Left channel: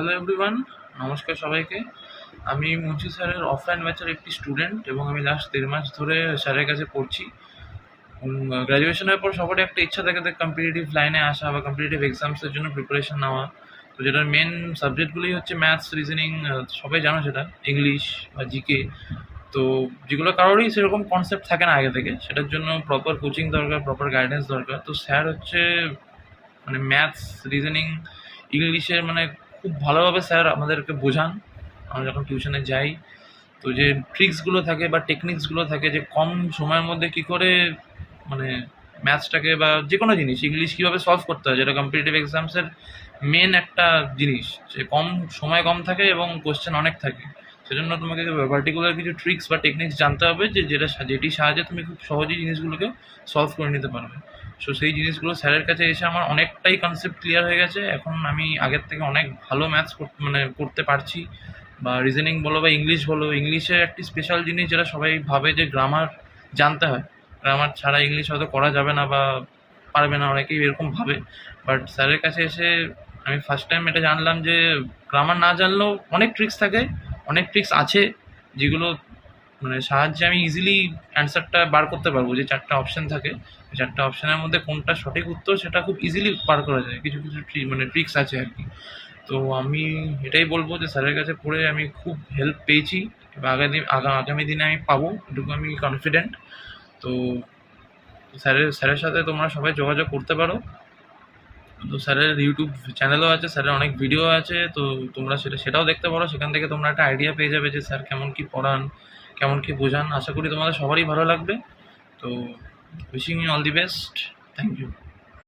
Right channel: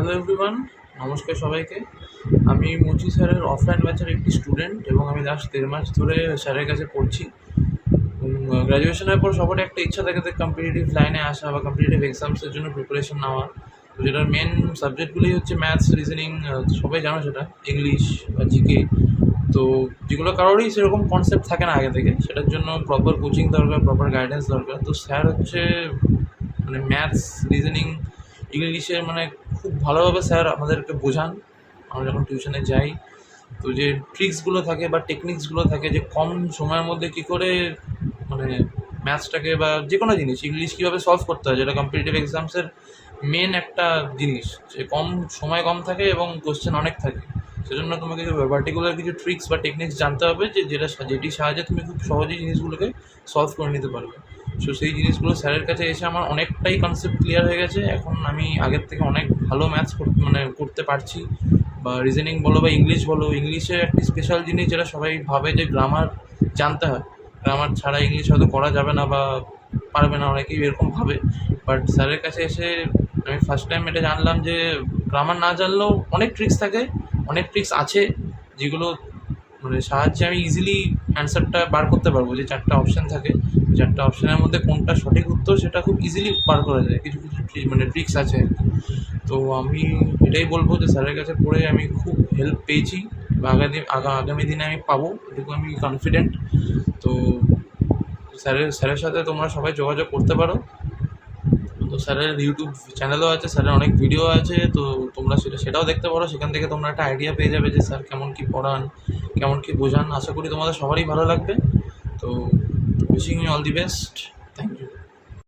Hello everyone, নমস্কার সবাইকে। আমি মুচি স্যারের অফলাইন ব্যাচের একটি স্টুডেন্ট এবং আমি লাস্ট দেড় মাস ধরে স্যারের কাছে পড়ছি। গ্র্যাজুয়েশনের পর সবারই একটা ইচ্ছা থাকে যে কম্পিটিটিভ লাইনে আসা বা কম্পিটিটিভ এক্সামসের জন্য প্রিপারেশন নেওয়া। তো যেটার মেন সাবজেক্টগুলোই হচ্ছে ম্যাথস রিজনিং সবাই জানো সেটা ইংলিশ বা জিকে তো যেগুলো কারোরই সেরকম কনসেপ্ট থাকে না আগে থেকে, সেটার জন্য প্রপার কোচিং দরকার প্রপার গাইডেন্স দরকার। তো স্যার হচ্ছে মানে ম্যাথস রিজনিং ইংলিশে মানে খুব ভালোভাবে স্যার আমাদেরকে বোঝান। আমরা যখন টিউশনে যাই, তো যে ট্রিক্সগুলো থাকে বা টেকনিক্সগুলো থাকে, যে কম সময়ের মধ্যে কী করে মানে ম্যাথসটাকে বা যে কোনো জিনিস ইংলিশ কীভাবে সলভ করতে হয়, যেটা কম্পিটিটিভ এক্সামসের মেন একটা জিনিস। যে কম সময় কম থাকে এবং কোশ্চেন অনেক থাকে। সেজন্য তোমাকে পার্টিকুলার কিছু ট্রিক্স বা টেকনিক্স জানতে হবে যে যেটা যেটির সাহায্যে তুমি খুব সহজেই জিনিসগুলোকে সলভ করে নিতে পারবে। সো সেই জিনিসগুলো স্যারের কাছে এসে আমার অনেকটাই কনসেপ্ট ক্লিয়ার হয়ে গেছে। এখন আমি আগের থেকে অনেক ভালো ম্যাথস মানে করতে পারছি। বা রিজনিং বলো বা ইংলিশ বলো ইংলিশে একটি স্পেশাল জিনিস যেটা সবাই ভাবে যে গ্রামার জানতে হয়। গ্রামার ছাড়া ইংলিশ হয়তো করা যাবে না বা পারবে না, অনেকেই এরকম ভাবে। বাট স্যারের কাছে এসে আমি ফার্স্ট টাইম এটা জানলাম যে গ্রামার না জানলেও অনেক ট্রিক্স থাকে, অনেক ট্রিক্স আছে যেগুলো মানে সাহায্যে আমি ইজিলি অ্যান্সারটা বার করতে পারব যে চারটা অপশান থাকে। চারটা অপশানের মধ্যে কোনটা সঠিক উত্তর সেটা খুব ইজিলি বার করা যায়। কিছু কিছু মানে ট্রিক্স আছে আর কি। তো আমি এটাই বলব যে স্যারের কাছে পড়ে আমি খুব হেল্প পেয়েছি। আগামী, আগা, আগামী দিনে আমি পাবো, এটুকু আমি কনফিডেন্ট তো স্যারের স্যারের সাথে তোমরা সবাই যোগাযোগ করতে পারো। তো স্যারের ইউটিউব চ্যানেলও আছে, স্যারের অনেক ভিডিও আছে, তো তোমরা সেটা, সেটাও দেখতে পারো। সেখান থেকে তোমরা একটা আইডিয়া পেয়ে যাবে যে স্যার কেমন কী পড়ান, কেমন কী বোঝান। আশা করি তোমাদের সবারই ভালো লাগবে। তো wishing you all the best thank you